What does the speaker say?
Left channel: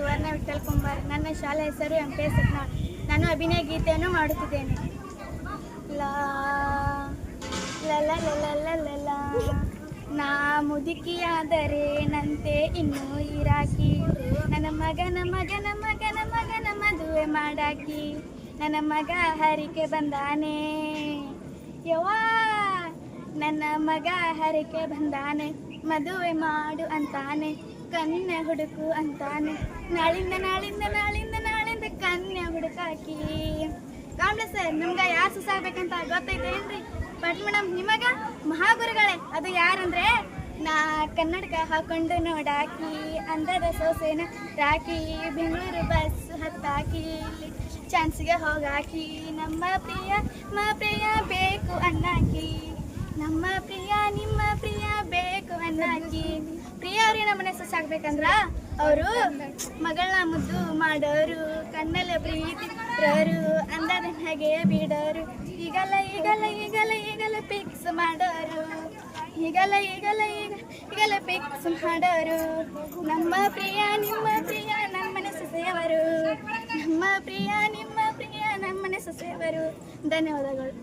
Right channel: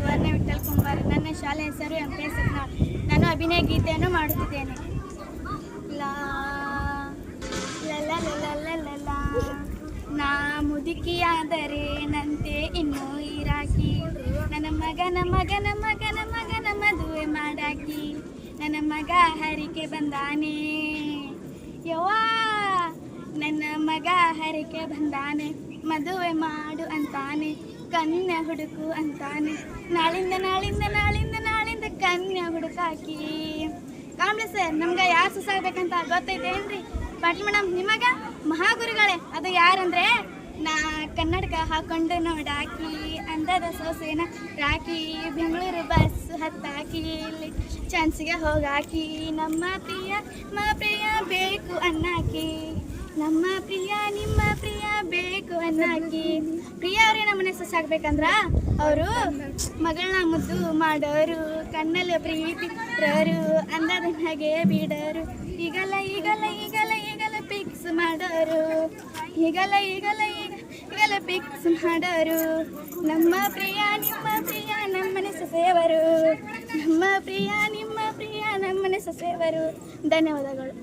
ಸುವರ್ಣ ವಿಠಲ್ ಕುಮಾರ್. ನನ್ನ ಶಾಲೆ ಹೆಸರು MP ಸತ್ನಾಳ್. ನಾನು ಅಭಿನಯ ಗೀತೆಯನ್ನು ಮಾಡುತ್ತಿದ್ದೇನೆ. ಲಾ ಲಲ ನಾ ಮುದುಕಿಯಾದರೆ ನಂತೆ ಇನ್ನೂ ಇರಾಕಿ, ನನ್ನ ಮಗನ ಮಗನ ಮಗನ ಮಗನ ಮದುವೆ ಮಾಡಾಕಿ, ನನ್ನ ಮಗ ಹರಿಕೆ ಬಂದಾನೆ ಯವ್ವಾ, ನನ್ನ ಮಗ ಹರಿಕೆ ಬಂದಾನೆ, ಮದುವೆ ಮಾಡು ಅಂತಾನೆ, ಕನ್ಯೆ ಹುಡುಕು ಅಂತಾನೆ, ನಾಳಿಂದ ನಾಳಿಂದ ನಾಳಿಂದ ನಾಳಿಂದ ಕನ್ಯೆ ಹುಡುಕಾಕಿ. ಕಾಂಬ್ಳಿ ಸರ್, ನಮ್ಗೆ ಯಾರು ಸುಸಾಗಬೇಕಂತ ಗೊತ್ತೈತೇನ್ರಿ? ಪಟ್ ಮೇಡಮ್, ನಿಮಗ ಮಹಾಗುರುಗಳೇ. ಅದು ಯಾರಂದ್ರೆ ನಾ ಕನ್ನಡಕ ಹಾಕೊಂಡು ನೋಡಾಕಿ, ಅಂದದ ಸೊಸೆನ ರಾಕಿ, ಬೆಂಗಳೂರು ಬಸ್ ಹತ್ತಾಕಿ, ಚಾನ್ಸಿಗೆ ಹೋಗಾಕಿ, ನಮ್ಮ ಪ್ರಿಯ ಬೇಕು ಅಣ್ಣಾಕಿ, ನಮ್ಮ ಪ್ರಿಯ ನಿಮ್ಮ ಪ್ರಿಯ ಬೇಕು ಅಣ್ಣಾಕಿ. ಪ್ರಿಯ ಅವ್ರಿಗೆ ನಮ್ಮನೆ ಸೊಸಾಗ್ಬೇಕಂದ್ರ ಅವರು ಮಗಳನ್ನ ಮುದ್ದು ಮಾಡೋರು, ಕಣ್ಣಲ್ಲಿ ಪ್ರೀತಿ ಇರೋರು, ಅಂದದ ಹಾಗೆ ಬಿಡೋರು, ಈಗಲ್ಲ ಈಗಲ್ಲ ಈಗಲ್ಲ ಈಗಲ್ಲ ಫಿಕ್ಸ್ ಮಾಡೋರು, ಈಗಲ್ಲ ಈಗಲ್ಲ ಈಗಲ್ಲ ಫಿಕ್ಸ್ ಮಾಡೋರು. ನಮ್ಮ ಪ್ರಿಯ ನಿಮ್ಮ ಪ್ರಿಯ ನಮ್ಮನೆ ಸೊಸೆಯವರು, ನಮ್ಮ ಪ್ರಿಯ ನಿಮ್ಮ ಪ್ರಿಯ ನಮ್ಮನೆ ಸೊಸೆಯವರು. ಧನ್ಯವಾದಗಳು.